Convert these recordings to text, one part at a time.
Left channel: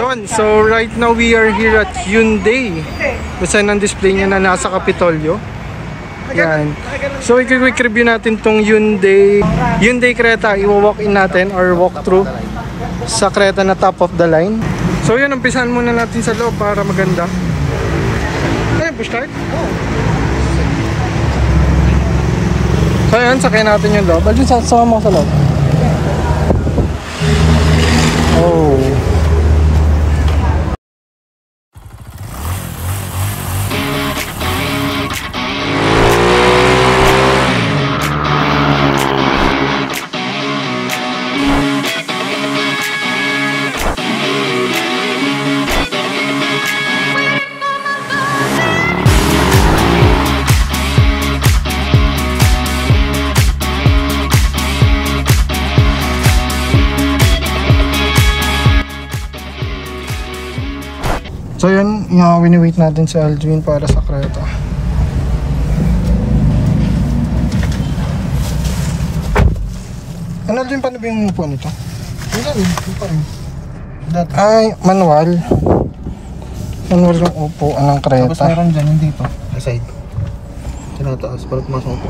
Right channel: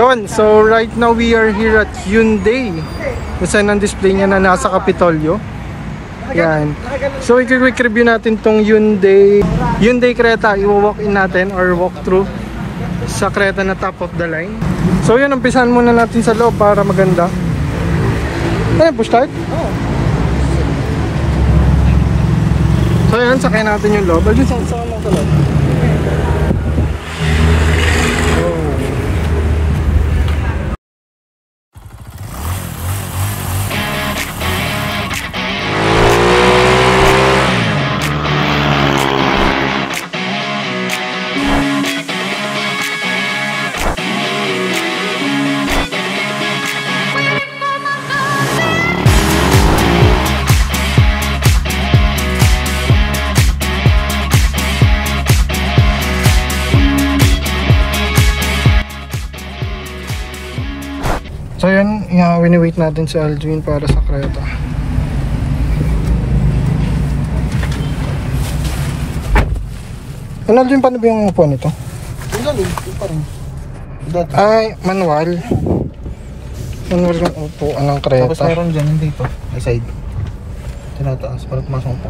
Yon, so right now we are here at Hyundai. Basta ang display niya na nasa Kapitolyo. Yan. So i-quick review natin tong Hyundai Creta. I-walk in natin or walk through sa Creta na top of the line. So yun, umpisahan muna natin sa loob para maganda. Ayan, push start. So yun, sakay natin yung loob. Alvin, sama mo sa loob. Oh. So yun, wini-wait natin si Aldwin para sa Creta. Ano Aldwin, paano ba yung upo nito? Ay, manual. Manual yung upo ng Creta. Tapos meron dyan, yung dito, may side. Tinataas, para pumasok po.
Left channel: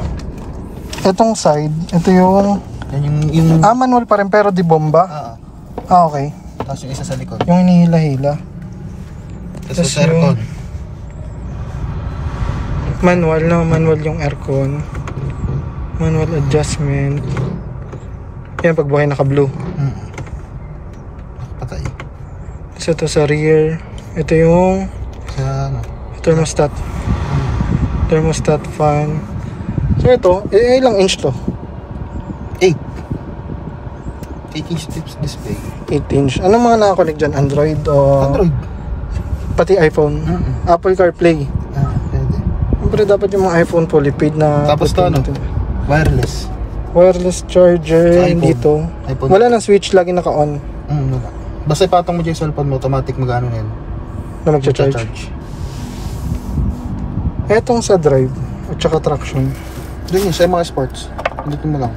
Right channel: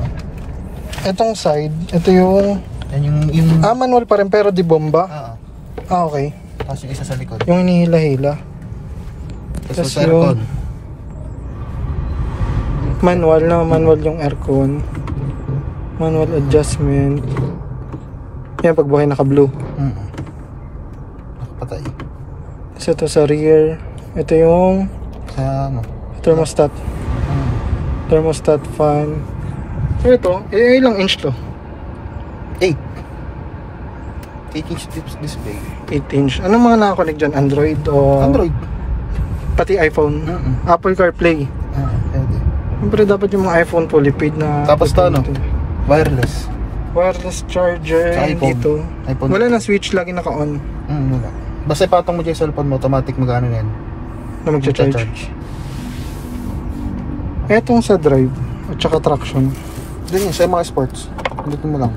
Etong side, ito yung... manual pa rin pero di bomba? Okay. Tapos yung isa sa likod. Yung hinihila-hila. Tapos yung manual yung aircon, manual adjustment. Yan, pag buhay naka-blue. Patay. Tapos ito sa rear, ito yung thermostat. Thermostat fan. So ito, ilang inch to? 8 inch display. 8 inch. Anong mga nakakonect dyan? Android o? Android. Pati iPhone, Apple CarPlay. Siyempre dapat yung mga iPhone fully paid na. Tapos to wireless charger dito. iPhone. Wala nang switch, lagi naka-on. Basta ipatong mo dyan yung cellphone mo, automatic mag-ano yan na magcha-charge. Etong sa drive at saka traction. Doon yun, sa mga sports. Dito mo lang.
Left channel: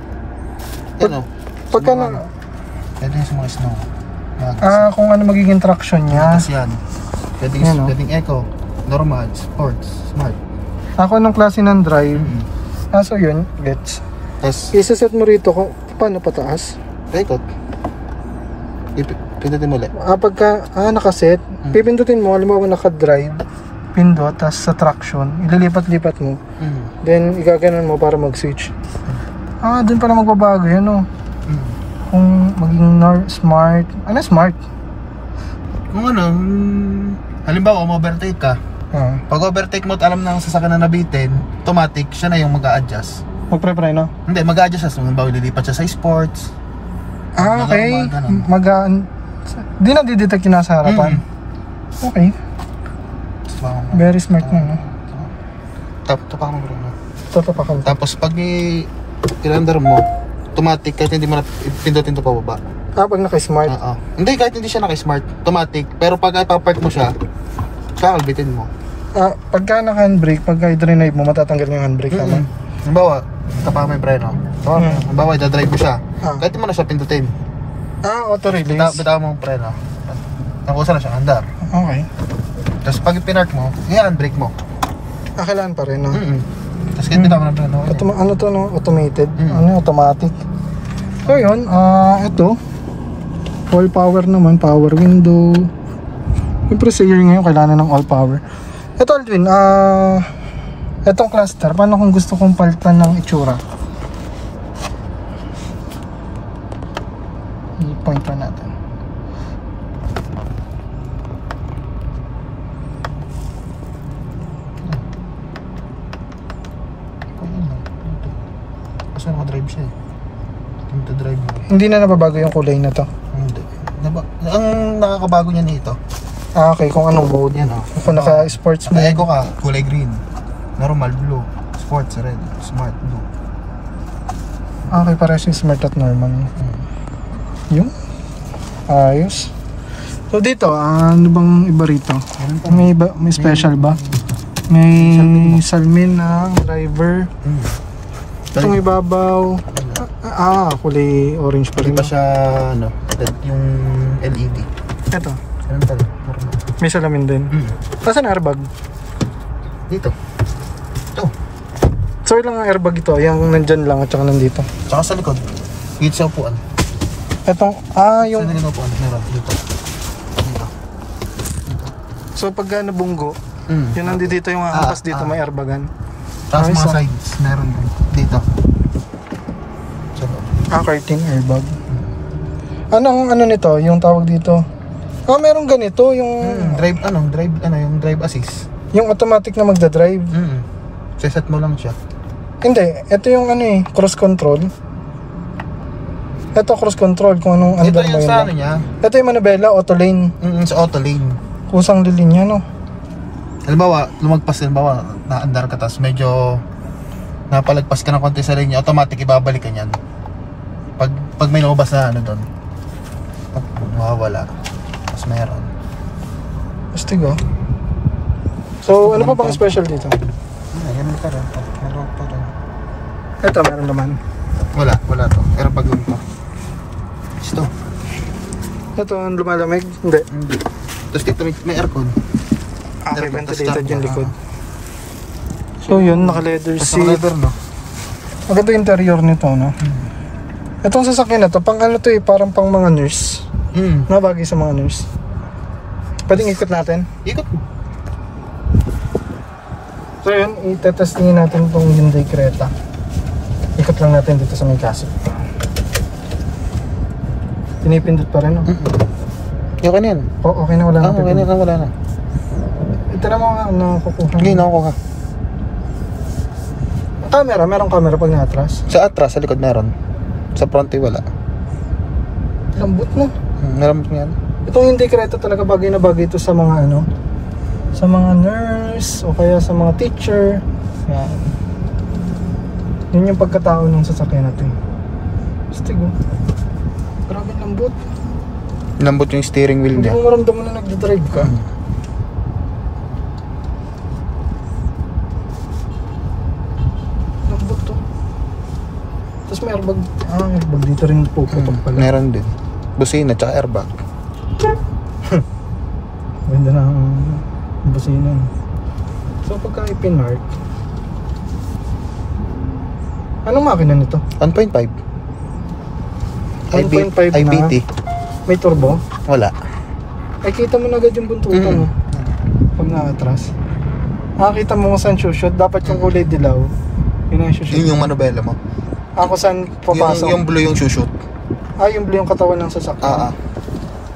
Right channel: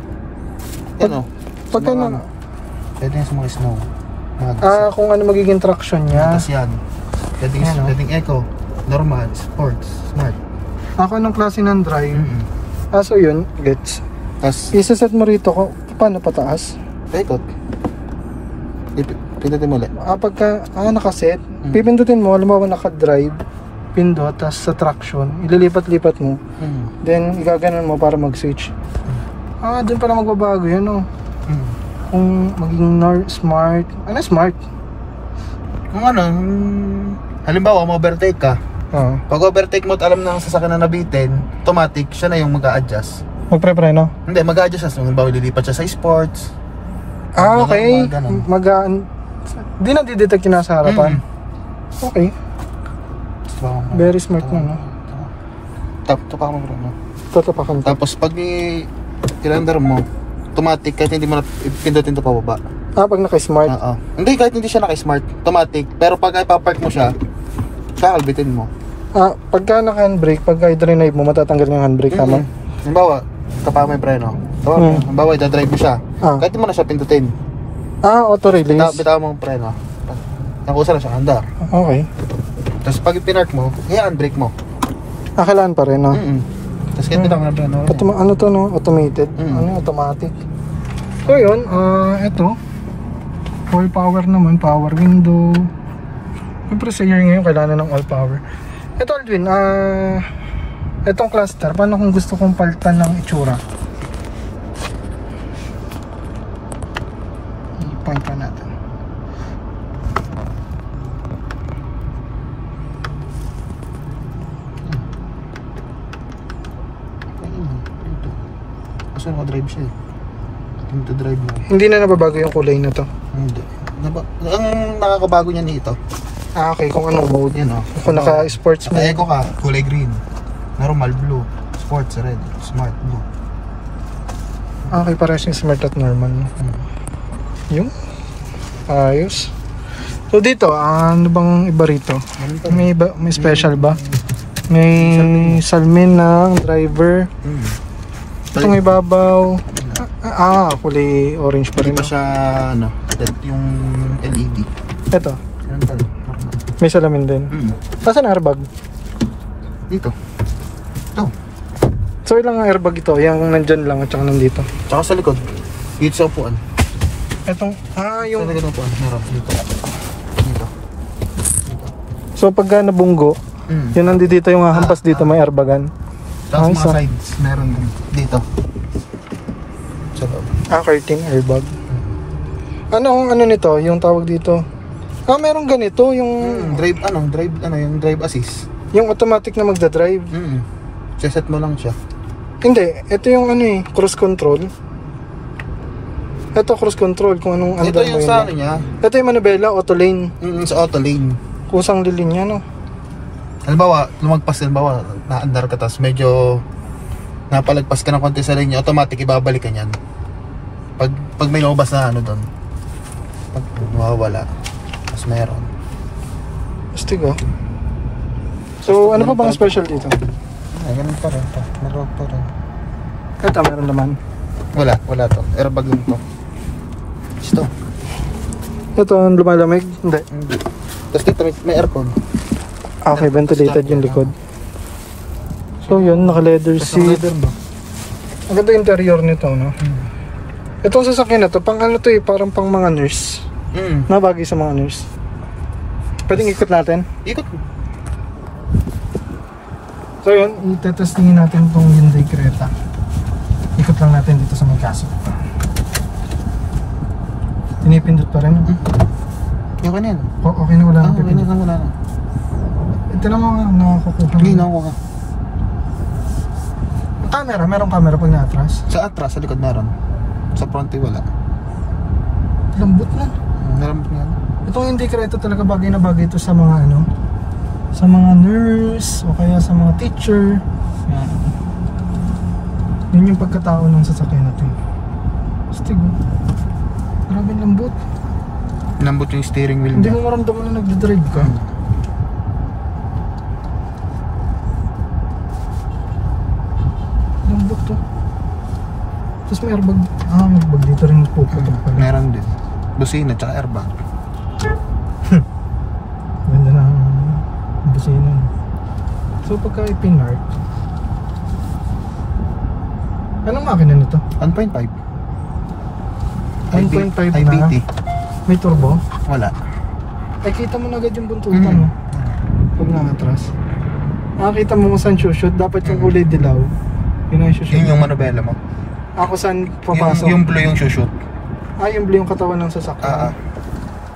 Pagka na... Pwede yun sa mga snow. Kung ano magiging traction niya. Tapos yan. Pwedeng eco, normal, sports, smart. Ako ng klase ng drive. So yun, gets. Isa-set mo rito ko, paano pataas? Ito. Pindutin mo ulit. Pagka nakaset, pipindutin mo, halimbawa naka-drive, pindot, tas sa traction, ililipat-lipat mo. Then, igaganon mo para mag-switch. Dun pala magbabago yan, no? Kung maging smart. Ano smart? Kung ano, halimbawa, ma-overtake ka. Pag overtake mo at alam na ang sasakyan na nabitin, automatic, siya na yung mag-a-adjust. Magpre-preno? Hindi, mag-a-adjust siya. Halimbawa, lilipat siya sa sports. Okay. Di na didetect yung nasa harapan. Okay. Very smart na, no? Tupakan mo rin, no? Tutupakan ko. Tapos, pag i-under mo, automatic, kahit hindi mo pindutin ito pababa. Pag naka-smart? Hindi, kahit hindi siya naka-smart, automatic. Pero pag ipapark mo siya, kaalbitin mo. Pagka naka-handbrake, pagka i-drive mo, matatanggal yung handbrake, tama? Halimbawa, tapa mo yung preno. Halimbawa, i-drive mo siya. Kahit hindi mo na siya pindutin. Auto-release? Bitaw mo yung preno. Nakusa na siya, andar. Okay. Tapos pag i-pinark mo, i-handbrake mo. Kailangan pa rin, no? Tapos kahit bitaw mo na preno. Ano to, no? Automated? Ano yung automatic? So yun, ito all power naman, power window. Siyempre sa year ngayon kailangan ng all power. Ito Aldwin, itong cluster, paano kung gusto kong palitan ng itsura? I-point pa natin. Kasi nakadrive siya eh. Drive mo. Hindi na nababago yung kulay na to? Hindi. Ang nakakabago niya nito. Okay, kung anong mode yan. Kung naka-sports mode. Eco ka, kulay green. Normal blue. Sports red. Smart blue. Okay, parehas yung smart at normal. Yung? Ayos. So dito, ano bang iba rito? May special ba? May salamin ng driver. Itong ibabaw. Kulay orange pa rin. Hindi pa siya, yung LED. Ito. Rental. May salamin din. Saan airbag? Dito. Ito. So ilang ang airbag ito? Yung nandyan lang at saka nandito? Tsaka sa likod. Dito sa upuan. Etong, yung... Sa likod ng upuan. Meron. Dito. So pagka nabunggo, yun nandito yung hahampas dito, may airbagan. Tapos mga sides, meron din. Dito. Sa loob. Curtain airbag. Ano nito? Yung tawag dito? Meron ganito, yung... yung drive assist. Yung automatic na magdadrive. Set mo lang siya. Hindi, ito yung cruise control. Ito cruise control, kung anong andar mo yun lang. Ito yung manubela, auto lane. Sa auto lane. Kusang lilinya, no? Halimbawa, naandar ka, tapos medyo napalagpas ka ng konti sa linya, automatic ibabalik ka niyan. Pag may lumabas na doon, pag mawawala, tapos meron. Astig, oh. So, ano pa bang special dito? Ayan pa rin. Ito, meron naman. Wala to. Airbag lang to. Ito. Ito ang lumalamig? Hindi. Tapos dito may aircon. Okay, ventilated yung likod. So yun, naka-leather seat. Ang ganda interior nito, no? Itong sasakyan na to, pang ano to parang pang mga nurse. Nabagay sa mga nurse. Pwedeng ikot natin? Ikot. So yun, itetestingin natin itong Hyundai Creta. Ikot lang natin dito sa may kaso. Pinipindot pa rin, no? Okay na yan. Okay na, wala na. Okay na, wala na. Ito na mga nakakukuha. Hindi, nakakuha. Camera, merong camera pag na-atras? Sa atras, sa likod meron. Sa front wala. Lambot na. Lambot na yan. Itong Hyundai Creta talaga bagay na bagay ito sa mga sa mga nurse o kaya sa mga teacher. Yan. Yun yung pagkatao ng sasakyan natin. Astig, oh. Grabe lambot. Lambot yung steering wheel niya. niya. Hindi mo maramdaman na nagdadrive ka. Lambot to. Tapos may airbag. Airbag dito rin puputok pala. Meron din. Busina tsaka airbag. Ganda na ang busina. So pagka ipinark, anong makina nito? 1.5 1.5 na. IBT. May turbo? Wala. Ay, kita mo na agad yung buntutan, no? Pag nakatras. Nakakita mo kung saan shoot. Dapat yung kulay dilaw. Yun ang shoot. Yun yung manubela mo. Ako saan papasok? Yung blue yung shoot. Yung blue yung katawan ng sasakyan.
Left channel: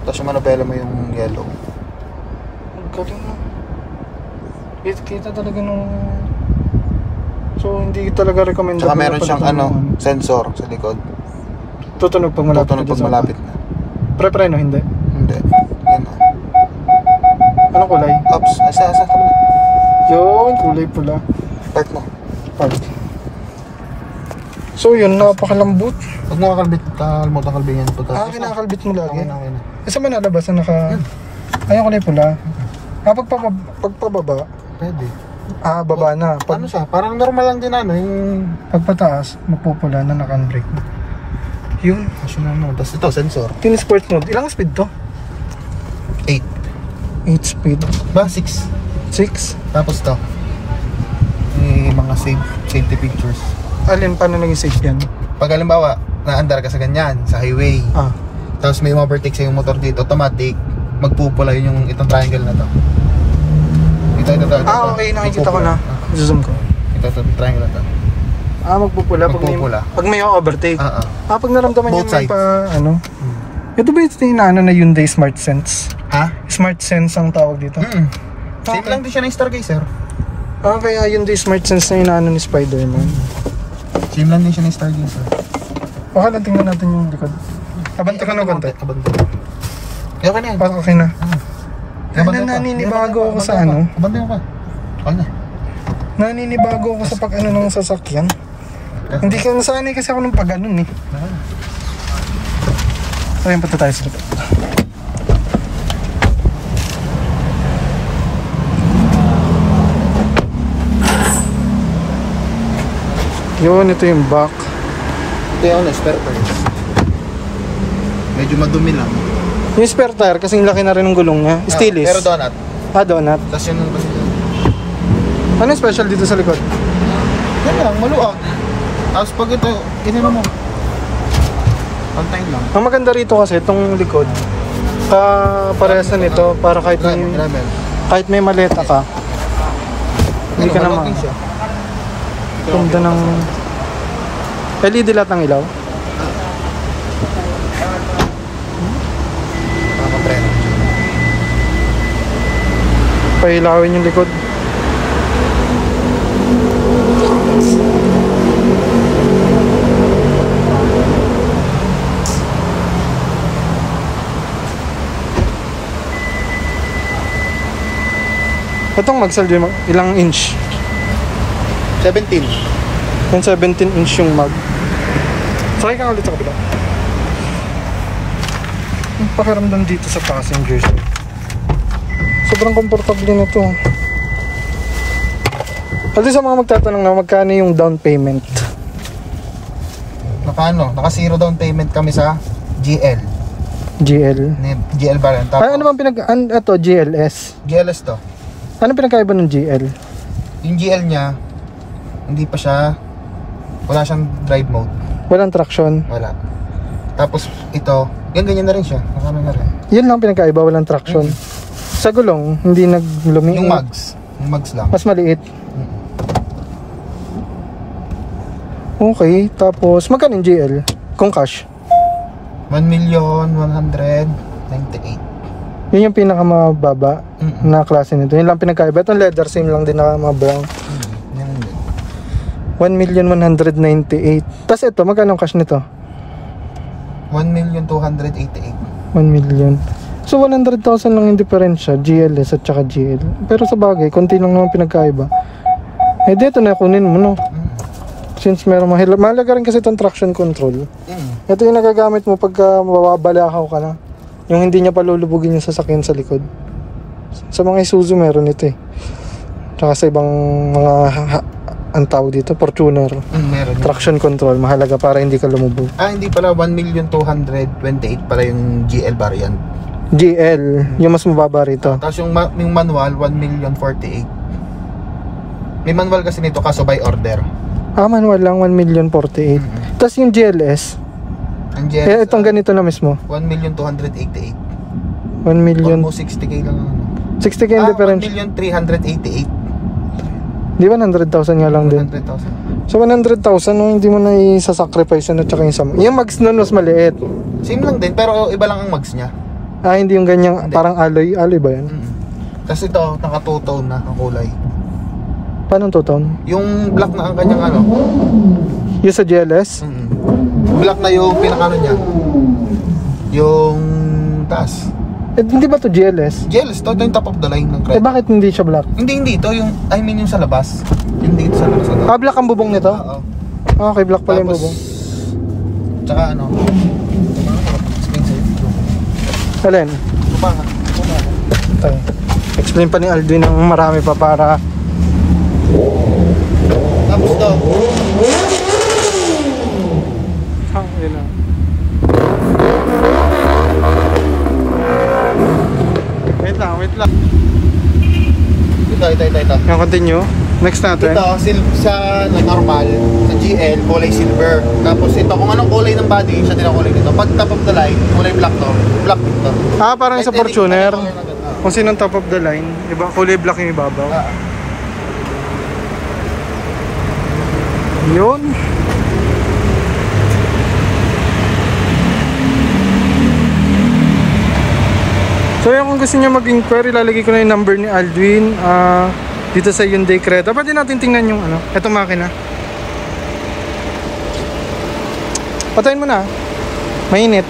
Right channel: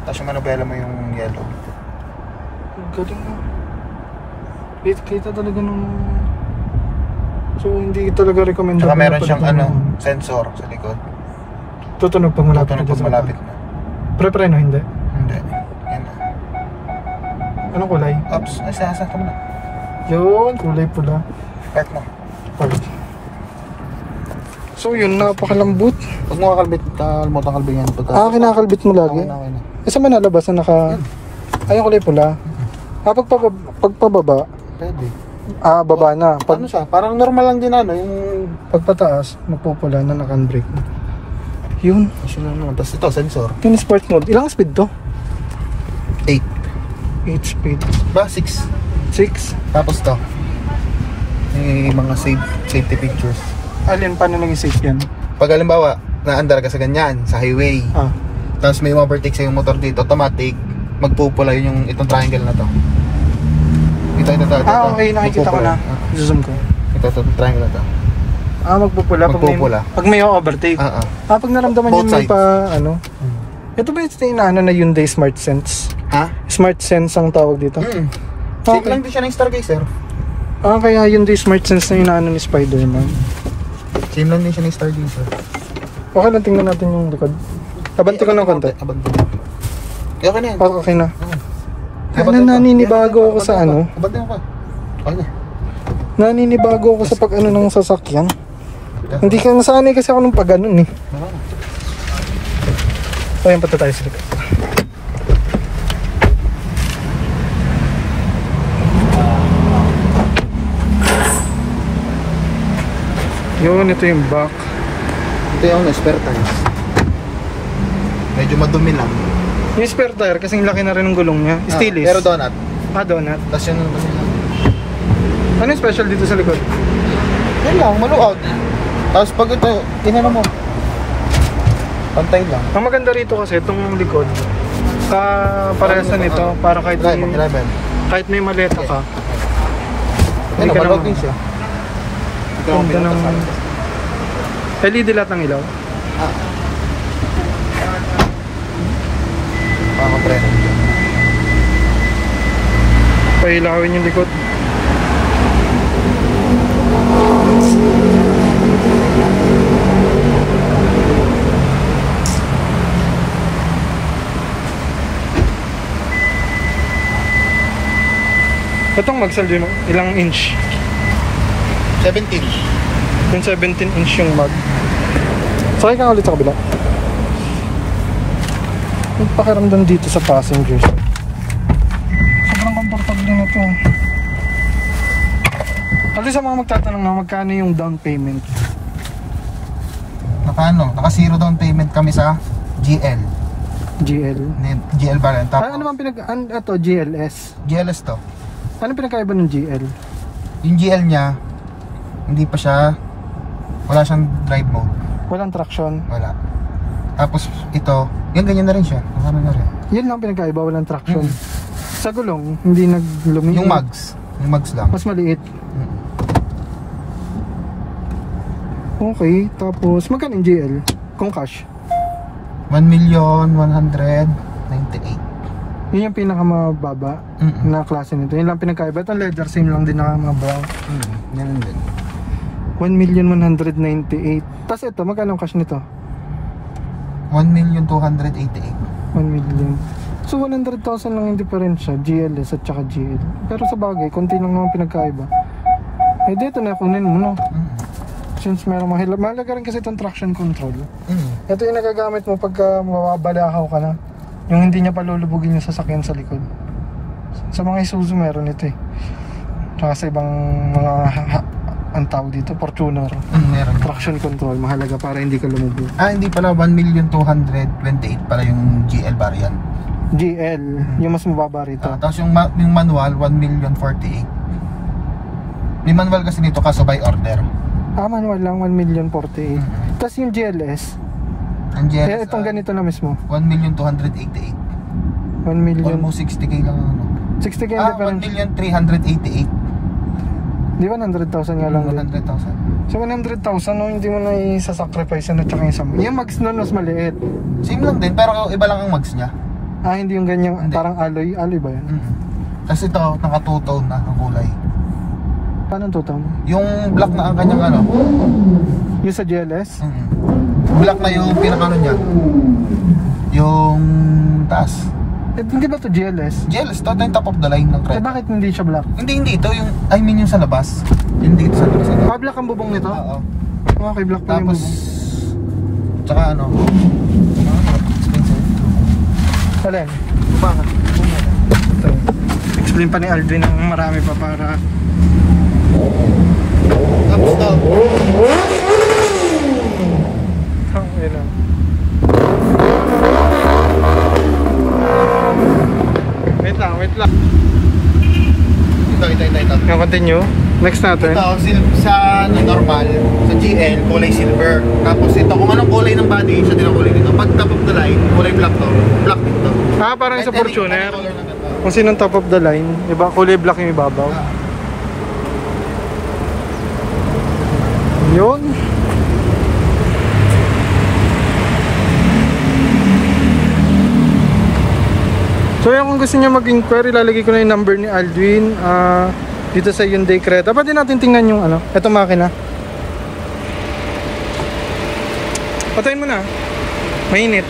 Tapos yung manubela mo yung yellow. Galing na. Kita talaga nung... So, hindi talaga recommended. Tsaka meron siyang sensor sa likod. Tutunog pag malapit. Tutunog pag malapit na. Pre-preno, hindi? Hindi. Yan na. Anong kulay? Ops. Asa ka muna. Yun, kulay pula. Park mo. Park. So yun, napakalambot. Huwag mo kakalbit. Mo kakalbingan. Kinakalbit mo lagi? Saan ba nalabas na naka... Ay, kulay pula. Pagpababa? Pwede. Baba na. Ano siya? Parang normal lang din yung... Pagpataas, magpupula na naka-brake. Yun. Tapos ito, sensor. Yung sport mode, ilang speed to? 8 speed. Ba? 6. 6? Tapos to, mga safety pictures. Alin, paano naging safe yan? Pag halimbawa, naandar ka sa ganyan, sa highway, tapos may overtake sa yung motor dito, automatic, magpupula yung itong triangle na to. Ito. Okay, nakikita ko na. Zoom ko. Ito, triangle na to. Magpupula. Pag may overtake. Pag naramdaman both yun may pa, Ito ba yung na Hyundai Smart Sense? Smart Sense ang tawag dito? Same lang din siya ng Stargazer. Kaya Hyundai Smart Sense na ni Spider-Man. Same lang din siya ng Stargazer. Okay lang, tingnan natin yung likod. Tabanti ko ng konti. Okay na yan. Okay na. Naninibago ako sa Abanti mo ba? Okay na. Naninibago ako sa pag ng sasakyan. Hindi ka nasanay kasi ako ng pag eh. So yan, pata tayo sa likod. Yun, ito yung back. Ito yung spare tires. Medyo madumi lang. Yung spare tire, kasing laki na rin ng gulong niya. Stainless. Pero donut. Donut. Tapos yung... Ano yung special dito sa likod? Yan lang, maluwag. Tapos pag ito, ginano mo. Pantay lang. Ang maganda rito kasi itong likod, parehas na nito para kahit may maleta ka, hindi ka naman. Ganda ng LED lahat ng ilaw. Pailawin yung likod. Itong Magsal, ilang inch? 17. Yung 17 inch yung mag. Sakay ka ulit sa kabila. Yung pakiramdam dito sa passengers, sobrang komportable na ito. Pati sa mga magtatanong na magkano yung down payment. Naka zero down payment kami sa GL. GL variant. Ay, ano bang ito, GLS? GLS to. Ano pinagkaiba ng GL? Yung GL niya, hindi pa siya, wala siyang drive mode. Walang traction? Wala. Tapos ito, yung ganyan na rin siya. Kasama na rin. Yun lang pinagkaiba, walang traction. Sa gulong, hindi naglumi. Yung mags lang. Mas maliit. Okay, tapos magkano yung GL? Kung cash? 1,198,000. Yun yung pinakamababa na klase nito. Yun lang pinagkaiba. Itong leather same lang din na mga brown. Yan din. 1,198,000. Tapos ito, magkano ang cash nito? 1,288,000. 1 million. So 100,000 lang yung diferensya, GLS at saka GL. Pero sa bagay, konti lang naman pinagkaiba. Eh dito na kunin mo, no? Since meron mahalaga rin kasi itong traction control. Ito yung nagagamit mo pagka mababalakaw ka na. Yung hindi niya palulubugin yung sasakyan sa likod. Sa mga Isuzu meron ito eh. Tsaka sa ibang mga ang tawag dito, Fortuner. Meron. Traction control, mahalaga para hindi ka lumubog. Hindi pala, 1,228,000 pala yung GL variant. GL, yung mas mababa rito. Tapos yung manual, 1,048,000. May manual kasi nito kaso by order. Manual lang, 1,048,000. Tapos yung GLS, ang GLS, itong ganito na mismo, 1,288,000. 1 million. Almost 60k lang ano. 60k yung difference. 1,388,000. Di ba 100,000 nga lang din? 100,000. So 100,000, no, hindi mo na isasacrifice na tsaka yung sama. Yung mags nun mas maliit. Same lang din, pero iba lang ang mags niya. Hindi yung ganyang, hindi. Parang alloy ba yan? Tapos ito, naka two-tone na ang kulay. Paano two-tone? Yung black na ang kanyang ano? Yung sa GLS? Black na yung pinakano niya. Yung taas. Hindi ba to GLS? GLS, ito yung top of the line ng Creta. Bakit hindi siya black? Hindi, ito yung, I mean yung sa labas. Yung dito sa labas. Black ang bubong nito? Oo. Okay, black pala yung bubong. Tsaka ano? Alin? Bumangat. Explain pa ni Aldwin ng marami pa para... Tapos daw. Yun lang. Wait lang. Ito. Yung continue. Next natin. Ito, sa normal, sa GL, kulay silver. Tapos ito, kung anong kulay ng body, siya din ang kulay nito. Pag top of the line, kulay black to. Black dito. Parang sa Fortuner. Kung sinong top of the line, iba, kulay black yung ibabaw. Yun. So yung kung gusto niyo mag-inquire, lalagay ko na yung number ni Aldwin dito sa Hyundai Creta. Pwede natin tingnan yung ano, eto makina. Patayin mo na. Mainit.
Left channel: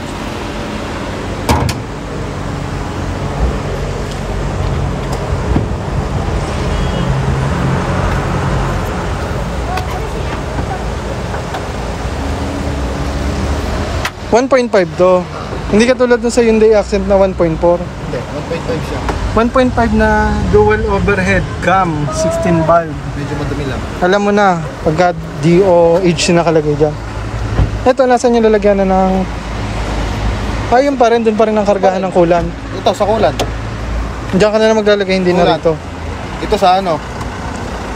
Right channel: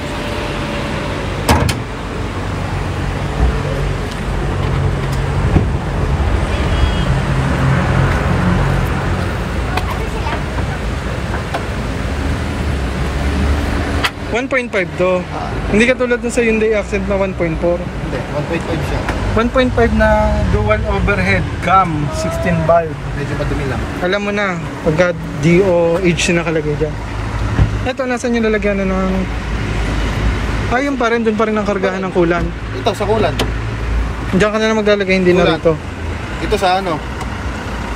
$1.5 to. Hindi katulad dun sa Hyundai Accent na 1.4. Hindi, 1.5 siya. 1.5 na dual overhead cam, 16 valve. Medyo madumi lang. Alam mo na, pagka DOH na nakalagay dyan. Ito, nasan yung lalagyan na ng Yun pa rin, dun pa rin ang kargahan ng coolant. Ito sa coolant. Diyan ka na lang maglalagay, hindi na Coolant. rito. Ito sa ano?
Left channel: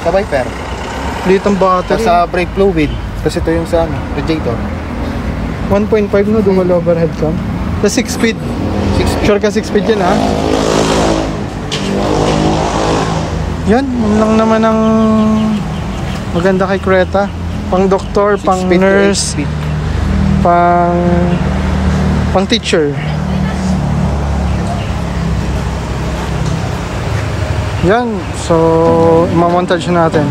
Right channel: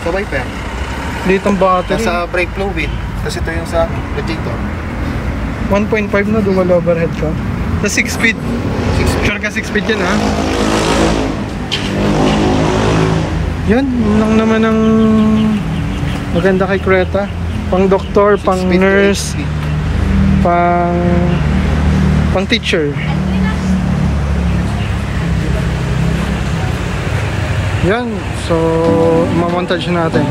Sa wiper. Dito ang battery. Sa brake fluid. Kasi ito yung sa radiator. 1.5 no, dual overhead cam. Sa 6 speed. 6 Sure ka 6 speed yan ha? Yan, yun lang naman ang maganda kay Creta. Pang doktor, pang nurse, pang teacher. Yan, so mamontage natin.